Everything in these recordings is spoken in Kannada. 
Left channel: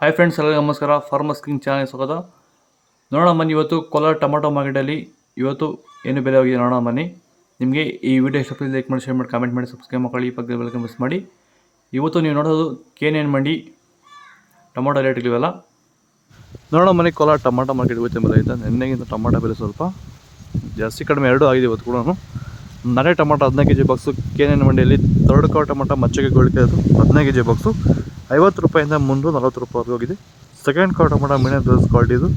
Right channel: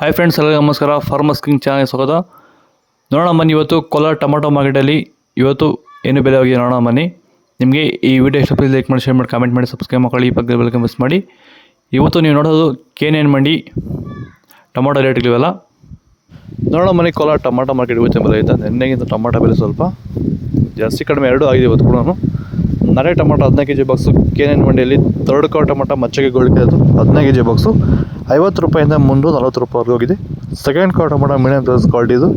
ಹಾಯ್ ಫ್ರೆಂಡ್ಸ್, ಎಲ್ಲರಿಗೂ ನಮಸ್ಕಾರ. ಫಾರ್ಮರ್ಸ್ ಕಿಂಗ್ ಚಾನಲ್ ಸ್ವಾಗತ. ನೋಡೋಣ ಬನ್ನಿ, ಇವತ್ತು ಕೋಲಾರ ಟೊಮಾಟೊ ಮಾರ್ಕೆಟಲ್ಲಿ ಇವತ್ತು ಏನು ಬೆಲೆ ಹೋಗಿದೆ ನೋಡೋಣ ಬನ್ನಿ. ನಿಮಗೆ ಈ ವಿಡಿಯೋ ಇಷ್ಟ ಲೈಕ್ ಮಾಡಿ, ಶೇರ್ ಮಾಡಿ, ಕಾಮೆಂಟ್ ಮಾಡಿ, ಸಬ್ಸ್ಕ್ರೈಬ್ ಮಾಡಿ, ಈ ಪಕ್ಕದ ಬೆಲ್ ಮಿಸ್ ಮಾಡಿ. ಇವತ್ತು ನೀವು ನೋಡೋದು KNN ಮಂಡಿ ಟೊಮಾಟೊ ರೇಟ್ಗಳಿವೆಲ್ಲ ನೋಡೋಣ ಬನ್ನಿ. ಕೋಲಾರ ಟೊಮಾಟೊ ಮಾರ್ಕೆಟ್ ಇವತ್ತು ಬೆಲೆ ಐತೆ. ನೆನ್ನೆಗಿಂತ ಟೊಮಾಟೊ ಬೆಲೆ ಸ್ವಲ್ಪ ಜಾಸ್ತಿ ಕಡಿಮೆ ಎರಡೂ ಆಗಿದೆ ಇವತ್ತು ಕೂಡ. ನಾಳೆ ಟೊಮಾಟೊ 15 kg ಬಾಕ್ಸು KNN ಮಂಡಿಯಲ್ಲಿ. ಥರ್ಡ್ ಕಾಲ್ ಟೊಮಾಟೊ ಮಚ್ಚಗೆ ಗೋಳಿಕೆ ಅದು 15 kg ಬಾಕ್ಸು 50 ರೂಪಾಯಿಂದ 340 ರೂಪಾಯಿವರೆಗೂ ಹೋಗಿದೆ. ಸೆಕೆಂಡ್ ಕಾಲ್ ಟೊಮಾಟೊ ಮೀಡಿಯಂ ಸೈಜ್ ಕ್ವಾಲಿಟಿ ಇದು.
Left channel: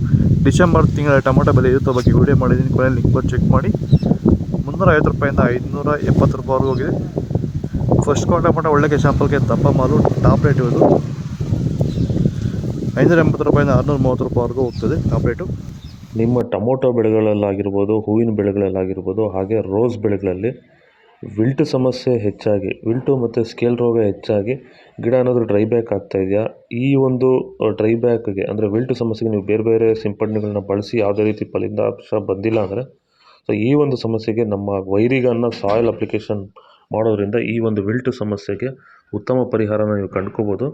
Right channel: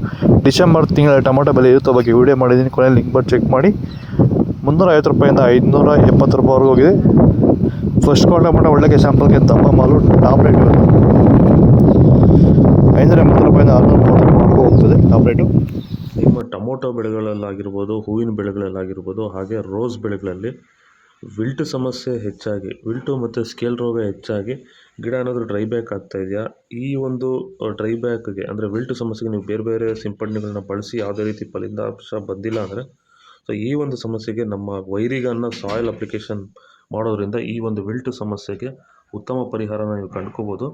ಡಿಸೆಂಬರ್ ತಿಂಗಳ ಟೊಮಾಟೊ ಬೆಲೆ ಇರುತ್ತೆ ಬಗ್ಗೆ ವೀಡಿಯೋ ಮಾಡಿದ್ದೀನಿ, ಕೊನೆಯಲ್ಲಿ ಲಿಂಕ್ ಬರ್ ಚೆಕ್ ಮಾಡಿ. 350 ರೂಪಾಯಿಂದ 570 ರೂಪಾಯಿವರೆಗೂ ಹೋಗಿದೆ. ಫಸ್ಟ್ ಕಾಲ್ ಟೊಮಾಟೊ ಒಳ್ಳೆ ಶಾಂಪಲ್ಗೆ ದಪ್ಪ ಮಾಲು ಟಾಪ್ ರೇಟ್ ಇವತ್ತು 580 ರೂಪಾಯಿಂದ 630 ರೂಪಾಯಿವರೆಗೂ ಹೋಗ್ತದೆ ಟಾಪ್ ರೇಟು. ನಿಮ್ಮ ಟೊಮೊಟೊ ಬೆಳೆಗಳಲ್ಲಾಗಿರ್ಬೋದು, ಹೂವಿನ ಬೆಳೆಗಳಲ್ಲಾಗಿರ್ಬೋದು, ಹಾಗೆ ರೋಸ್ ಬೆಳೆಗಳಲ್ಲಿ ವಿಲ್ಟು ಸಮಸ್ಯೆ ಹೆಚ್ಚಾಗಿ, ವಿಲ್ಟು ಮತ್ತು ಸ್ಕೇಲ್ ರೋಗ ಹೆಚ್ಚಾಗಿ ಗಿಡ ಏನಾದರೂ ಡ್ರೈ ಬ್ಯಾಕ್ ಆಗ್ತಾಯಿದೆಯಾ? ಈ ಒಂದು ಡ್ರೈ ಬ್ಯಾಕ್ಗೆ ಅಂದರೆ ವಿಲ್ಟು ಸಮಸ್ಯೆಗೆ ನೀವು ಬೇರೆ ಬೇರೆ ಸಿಂಪಡಣೆಗಳನ್ನ ಬಳಸಿ ಯಾವುದೇ ರೀತಿ ಫಲಿತಾಂಶ ಬಂದಿಲ್ಲ ಅಂದರೆ, ಸೊ ಈ ಒಂದು ಸಮಸ್ಯೆಗೆ ನಮ್ಮ ವೈರಿಗನ್ನ ಸಾಯಿಲ್ ಅಪ್ಲಿಕೇಶನ್ ಮಾಡೋದ್ರಿಂದ ಈ ಒಂದು ವಿಲ್ಟು ಸಮಸ್ಯೆಗೆ ಉತ್ತಮ ಪರಿಹಾರನ ನೀವು ಕಂಡ್ಕೋಬೋದು.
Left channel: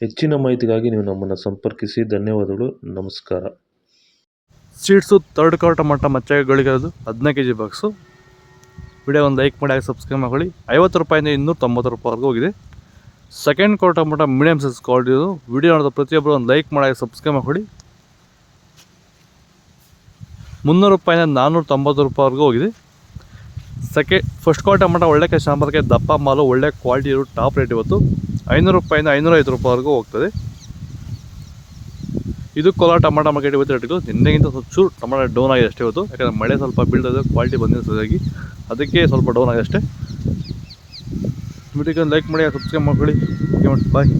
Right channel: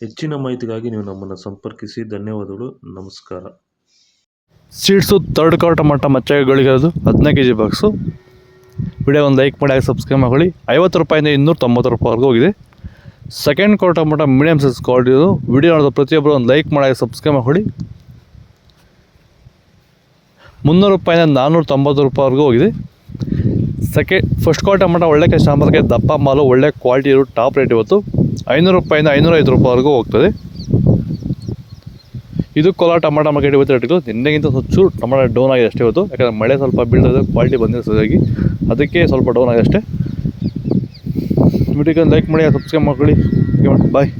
ಹೆಚ್ಚಿನ ಮಾಹಿತಿಗಾಗಿ ನೀವು ನಮ್ಮನ್ನು ಸಂಪರ್ಕಿಸಿ. ಧನ್ಯವಾದಗಳು, ನಮಸ್ಕಾರ. ಸೀಡ್ಸು ಥರ್ಡ್ ಕಾಲ್ ಟೊಮಾಟೊ ಮಚ್ಚಗಳಿಗೆ ಅದು 15 kg ಬಾಕ್ಸು. ವಿಡಿಯೋ ಒಂದು ಲೈಕ್ ಮಾಡಿ, ಹಾಗೆ ಸಬ್ಸ್ಕ್ರೈಬ್ ಮಾಡಿ. 50 ರೂಪಾಯಿಂದ 290 ರೂಪಾಯಿವರೆಗೂ ಹೋಗಿದೆ. ಸೆಕೆಂಡ್ ಕಾಲ್ ಟೊಮಾಟೊ ಮೀಡಿಯಂ ಸೈಜ್ ಕ್ವಾಲಿಟಿ ಇದು. ವಿಡಿಯೋ ನೋಡಿದ ಪ್ರತಿಯೊಬ್ಬರು ಒಂದು ಲೈಕ್ ಮಾಡಿ, ಹಾಗೆ ಸಬ್ಸ್ಕ್ರೈಬ್ ಮಾಡಿ. 300 ರೂಪಾಯಿಂದ 490 ರೂಪಾಯಿವರೆಗೂ ಹೋಗಿದೆ. ಫಸ್ಟ್ ಕಾಲ್ ಟೊಮಾಟೊ ಒಳ್ಳೆ ಶಾಂಪಲ್ಗೆ ದಪ್ಪ ಮಾಲು ಒಳ್ಳೆ ಕ್ವಾಲಿಟಿ ಇರೋ ಟಾಪ್ ರೇಟ್ ಇವತ್ತು 500 ರೂಪಾಯಿಂದ 505 ರೂಪಾಯಿವರೆಗೂ ಹೋಗ್ತದೆ. ಇದು ಕೋಲಾರ ಟೊಮಾಟೊ ಮಾರ್ಕೆಟ್ ಇವತ್ತು ರೇಟ್ಗಳು. ನಿನ್ನೆಗಿಂತ ಚೂರು ಟೊಮಾಟೊ ಡೌನ್ ಆಗಿದೆ ಅಷ್ಟೇ ಇವತ್ತು, ಯಾಕಂದರೆ ಮಳೆ ಸ್ವಲ್ಪ ಬೀಳ್ತದೆ, ಕ್ವಾಲಿಟಿ ಬಂದಿದೆ ಸರಿಯಾಗಿ, ಅದಕ್ಕೆ ಸ್ವಲ್ಪ ಡೌನ್ ಆಗಿದೆ ಅಷ್ಟೇ. ವಿಡಿಯೋಗೆ ಲೈಕ್ ಮಾಡಿ, ಸಬ್ಸ್ಕ್ರೈಬ್ ಮಾಡ್ಕೊಳ್ಳಿ. ಬಾಯ್.